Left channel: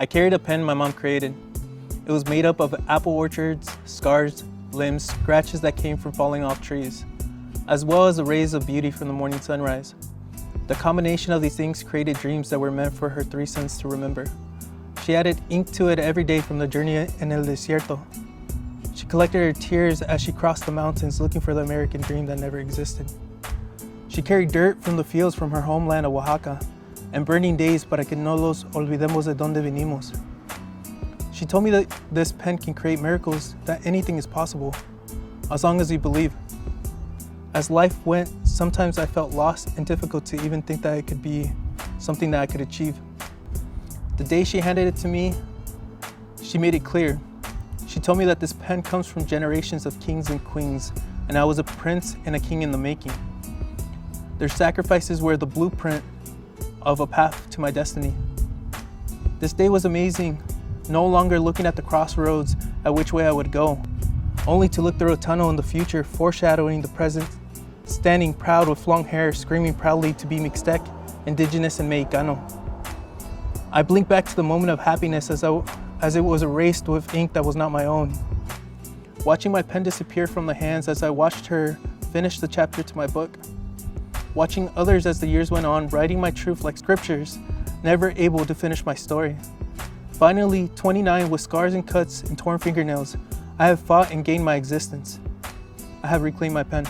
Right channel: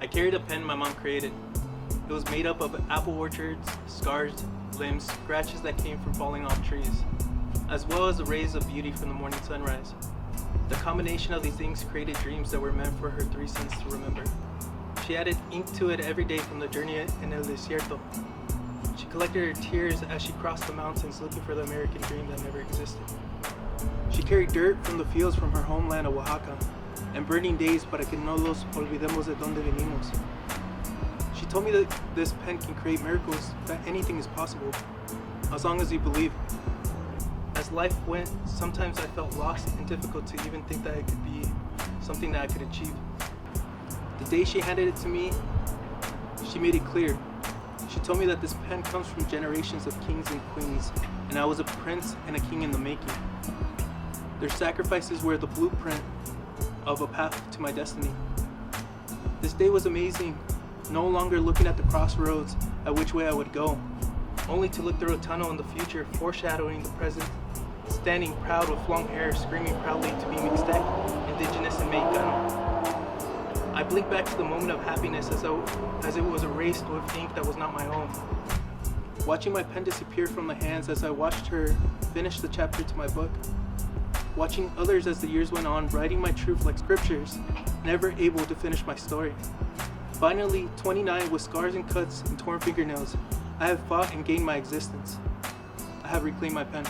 I carried a pen my mom created. It was made up of apple orchards, scars, limbs, scratches that came from falling off trees, as well as the rays of beauty from the morning sunrise. The combination of these things created dreams that were meant for her three sons to remember. She added ink to it every day from the journey en el desierto. She collected her tears as she crossed the mountains looking for the American dream that never existed. She carried dirt from the fields from her homeland of Oaxaca and burning days para que no los olvidemos de donde venimos. She told me that this pen can create miracles, that anything is possible, as long as you believe. As life went, sometimes I felt lost and difficult to even think that it could be something that I could achieve. The day she handed it to me, she made it clear. She told me that this pen comes from generations of kings and queens, and I was a prince and a king in the making. Their sacrifices were the blueprint of a path to my destiny. This day was amazing, no longer looking at the crossroads at which way I would go, only to look through a tunnel in the future, foreshadowing the present, standing proud with long hair, screaming proudly to be Mixtec, Indigenous and Mexicano. I blinked back to the moment of happiness as it was erased with ink that was not my own. Watching my pen disappear from the hands as I watched her finish the chapter to my book. Watching others as the years went on, writing my truth like scriptures, never able to finish my story. Finally, 29 with scars and cuts and torn fingernails, I have fought and gained my existence. I have reclaimed my pen.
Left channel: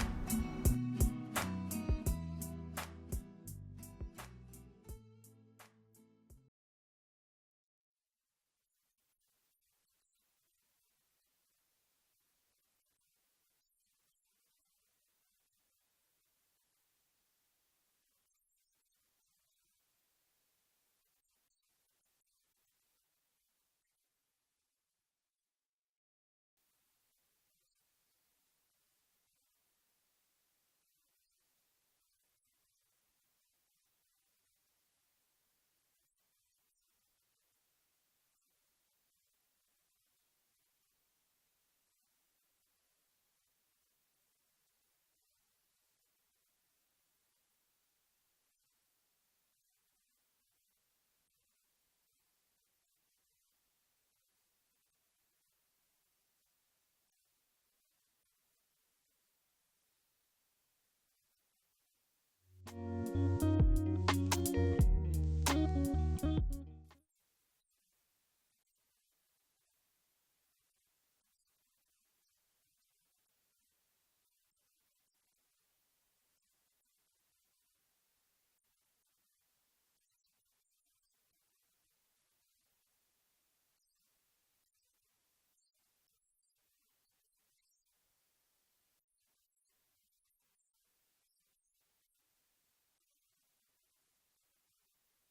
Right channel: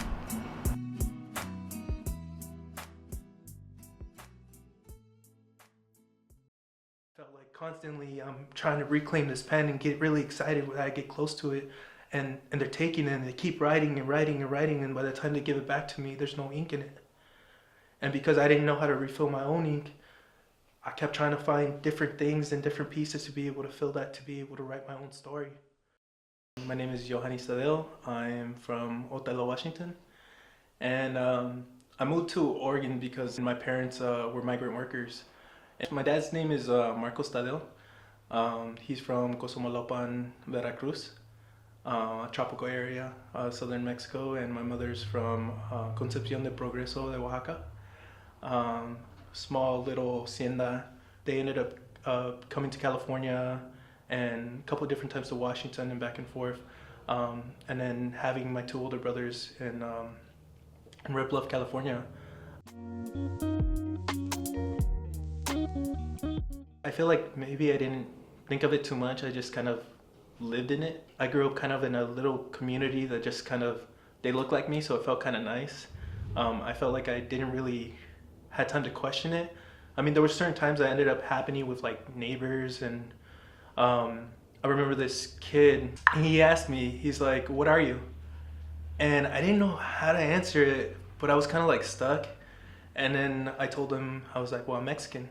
Felt like constantly I'm trying to reclaim this pen and get really excited when I get close to it, and they're taking it and they keep writing and writing and writing, and by the time they give it back to me, there's no ink in it. And because I didn't know how to refill my own ink, I kept trying to find different things and different pieces to be able to fill that, to be able to write my own story. My name is Johannes Tadeo. I am from Othello, Washington. And I moved to Oregon because my parents were migrant workers. And my dad's name is Marcos Tadeo. He's from Cozumalopan, Veracruz, a tropical area, southern Mexico. And my mother's from Concepcion de Progreso de Oaxaca. Small little hacienda. They ended up coming to California and a couple of different times to Washington and back and forth, and then having my two older brothers in Red Bluff, California. I feel like maybe I didn't think of it too much. I just kind of lived in it. I grew up kind of in a little community that just kind of, they looked like me, so it felt kind of nice. I felt like I didn't really had time to question it. I mean, there were certain times I ended up happening with like neighbors, and I remember this kid, he asked me, he's like, "What are you?" And I didn't know how to answer it, but I was kind of like stuck. And then I told him, I was like, "Well, I'm Mexican."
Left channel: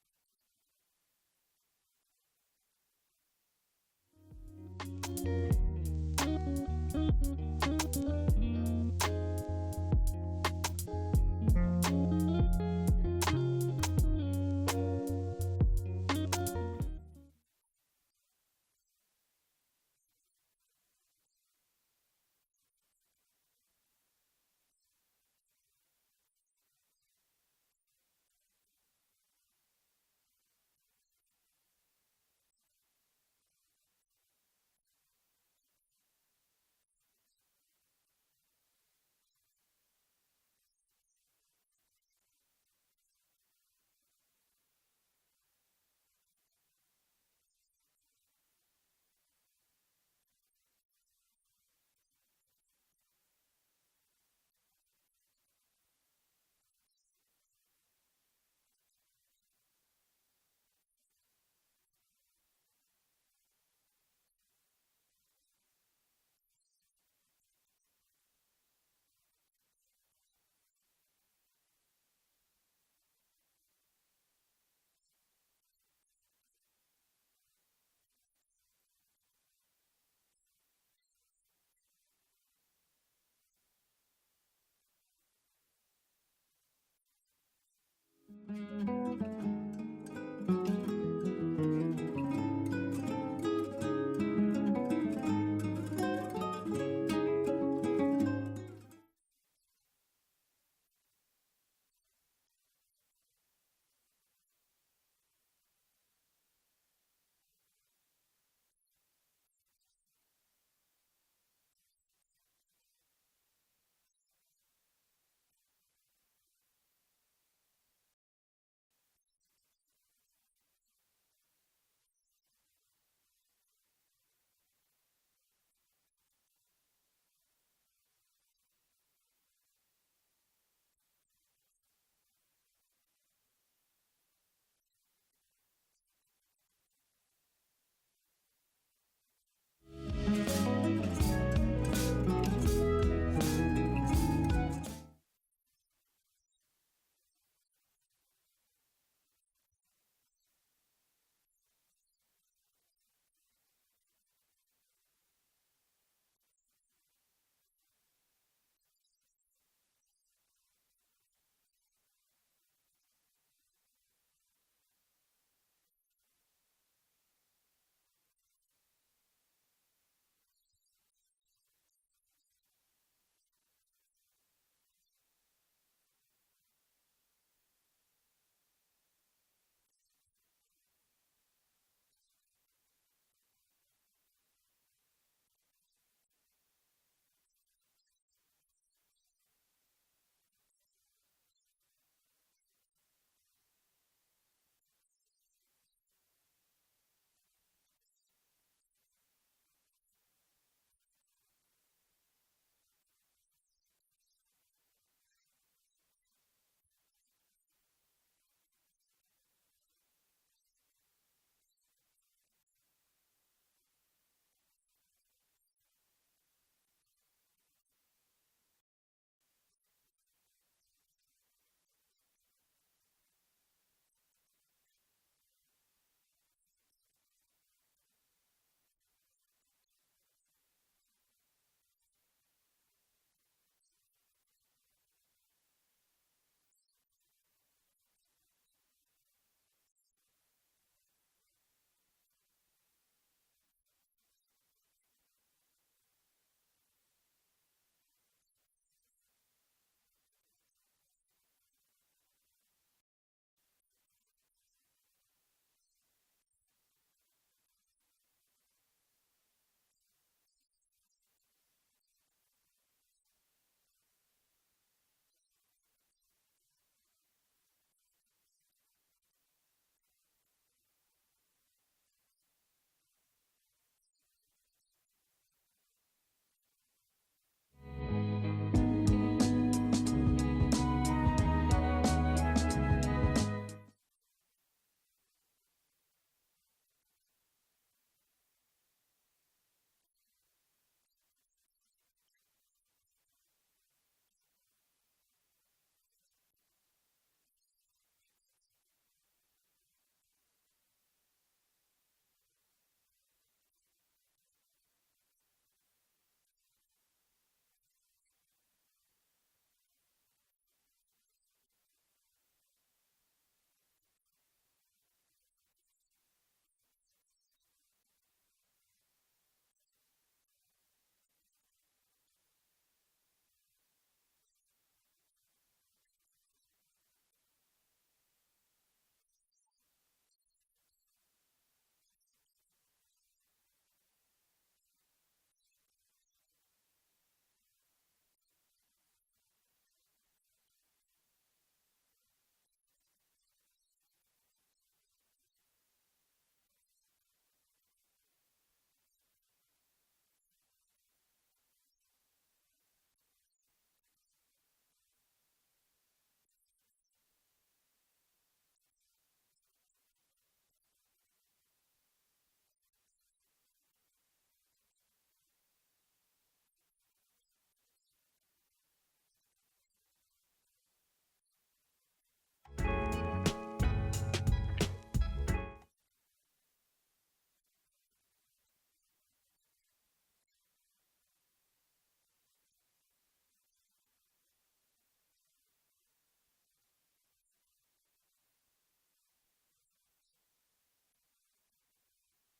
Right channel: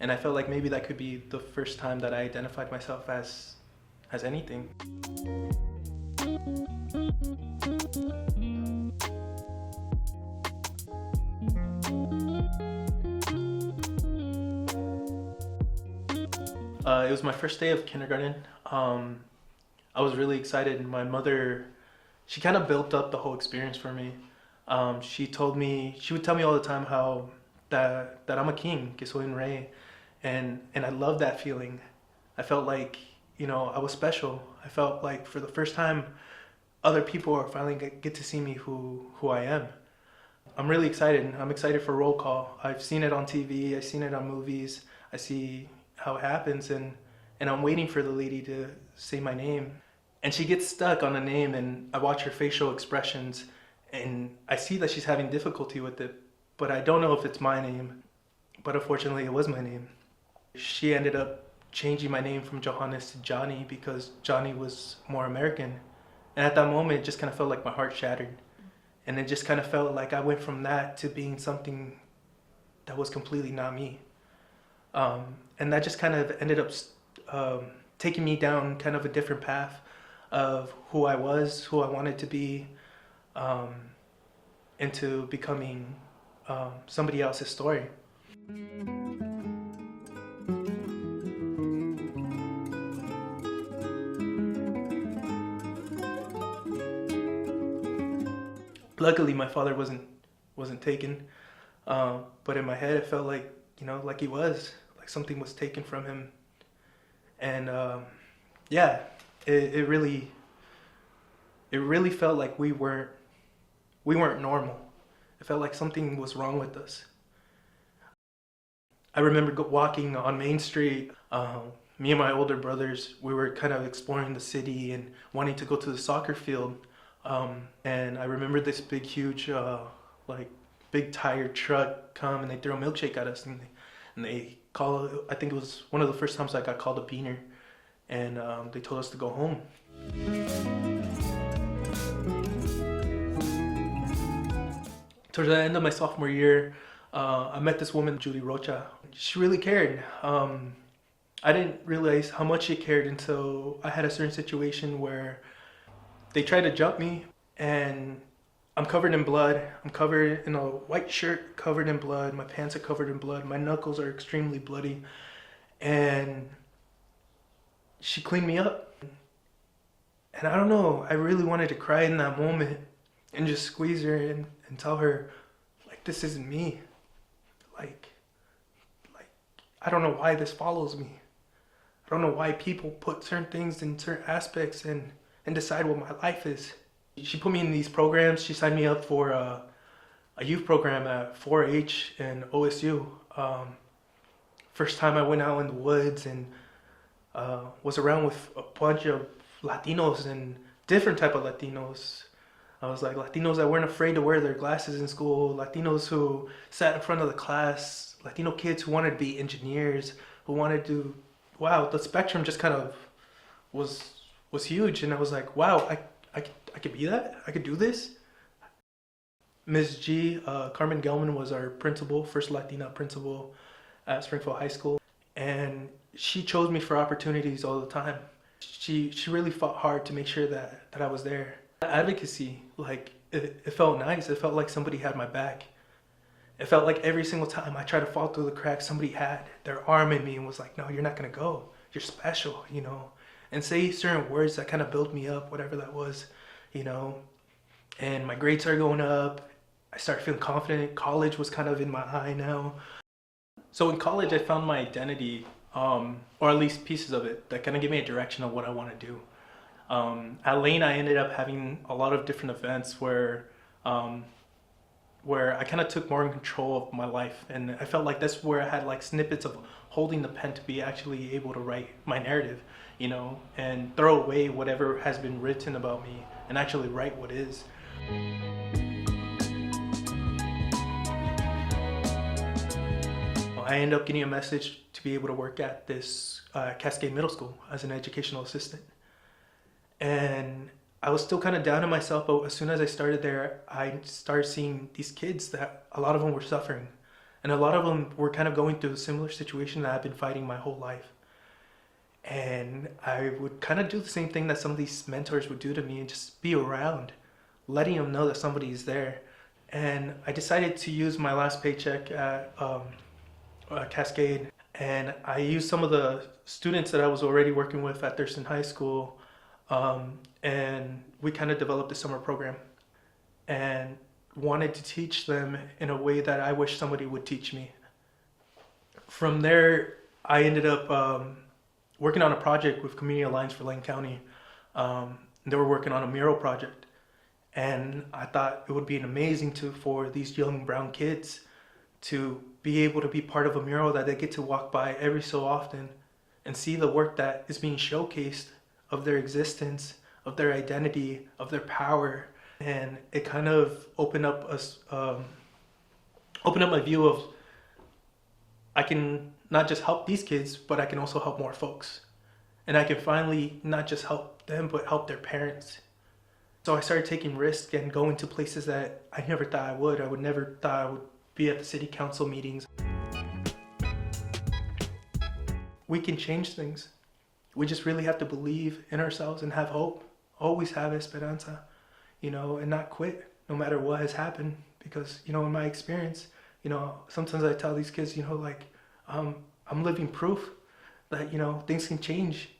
And I felt like maybe that could be the first time that I identified myself as anything. It was my first day of kindergarten. I was really excited. My mother, she kind of built up the whole experience for me. She would tell me all the time how that I'm a king, que soy un rey, and I loved that feeling. I felt like, I was special. I felt like for the first time, other people are finally get to see me who I am. I'm really excited. I'm excited for roll call. I've seen it on TV. I've seen it on movies. I see how it happens, and I'm waiting for the lady to say my name. And she gets stuck on the name, and I watch her facial expressions, and I see that she's having difficulty with it, but I don't know if it's my name. But unfortunately, it was my name. She ended up changing my name from Johannes to Johnny because Johnny was more American. And at that moment, it just kind of felt like my heart shattered. And it just kind of felt like I went from that to being something that was completely not me. And that just kind of ended up taking me down kind of a different path of who I was, who I wanted to be, into becoming somebody else's story. Luckily, my father wasn't taken, but in my head, it felt like, like he was, like something was taken from him, And yeah, it really felt like we weren't normal. It felt like something was wrong with us. I remember walking on Main Street. Me and my older brothers, we were kind of exploring the city and wanting to go to the soccer field. And I remember this big, huge, like big tired truck come and they throw a milkshake at us and they call. I think it was one of the first times I got called a beaner, and they told us to go home. Towards the end of my sophomore year, I met this woman, Julie Rocha. She really cared. I didn't realize how much she cared until I had a certain situation where they tried to jump me, and I'm covered in blood. I'm covered in a white shirt, covered in blood. My pants are covered in blood. My knuckles are extremely bloody. And she cleaned me up. And I don't know, I really wanted to cry in that moment and just squeeze her and tell her, like, this isn't me. Like, I don't know why this follows me. I don't know why people put certain things in certain aspects and decide what my life is. She put me in these programs. She signed me up for a youth program at 4-H and OSU. First time I went out in the woods and was around with a bunch of Latinos and different type of Latinos. I was like Latinos that weren't afraid to wear their glasses in school, Latinos who sat in front of the class, Latino kids who wanted to be engineers, who wanted to, wow, the spectrum just kind of was huge. And I was like, wow, I could be that? I could do this? Ms. G, Carmen Gelman was our principal, first Latina principal at Springfield High School. And she chose me for opportunities all the time. She really fought hard to make sure that I was there. Advocacy, like, it felt nice. It felt like somebody had my back. It felt like every single time I tried to fall through the cracks, somebody had their arm in me and was like, no, you're not gonna go. You're special, you know? And say certain words that kind of built me up, whatever that was, you know? And my grades started going up. I started feeling confident. College was kind of in my eye now. So in college, I found my identity, or at least pieces of it, that kind of gave me a direction of what I want to do. At Lane, I ended up having a lot of different events where I kind of took more in control of my life, and I felt like that's where I had like snippets of holding the pen to be actually able to write my narrative, you know, and throw away whatever has been written about me and actually write what is. I ended up getting a message to be able to work at this Cascade Middle School as an educational assistant. And I was still kind of down on myself, but as soon as I started there, I started seeing these kids that a lot of them were suffering. And a lot of them were kind of going through a similar situation that I've been fighting my whole life. And I would kind of do the same thing that some of these mentors would do to me and just be around, letting them know that somebody's there. And I decided to use my last paycheck at Cascade, and I used some of the students that I was already working with at Thurston High School, and we kind of developed a summer program and wanted to teach them in a way that I wish somebody would teach me. From there, I ended up working on a project with Community Alliance for Lane County. They were working on a mural project, and I thought it would be amazing for these young brown kids to be able to be part of a mural that they get to walk by every so often and see the work that is being showcased of their existence, of their identity, of their power. And it kind of opened up my view of, I can not just help these kids, but I can also help more folks. And I can finally not just help them, but help their parents. So I started taking risks and going to places that I never thought I would. I would never thought I would be at the city council meetings. We can change things. We just really have to believe in ourselves and have hope. Always have esperanza, you know, and not quit no matter what has happened. Because, you know, in my experience, you know, sometimes I tell these kids, you know, like, I'm living proof that, you know, things can change.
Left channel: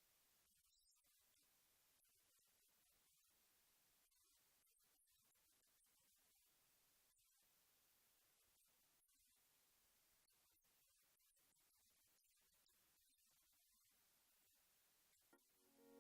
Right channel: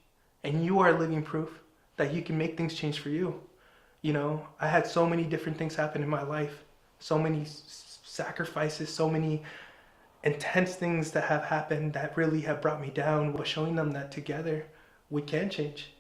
And you are living proof that you can make things change for you. You know, I had so many different things happen in my life, so many sacrifices, so many intense things that have happened that really have brought me down, but showing them that together we can change.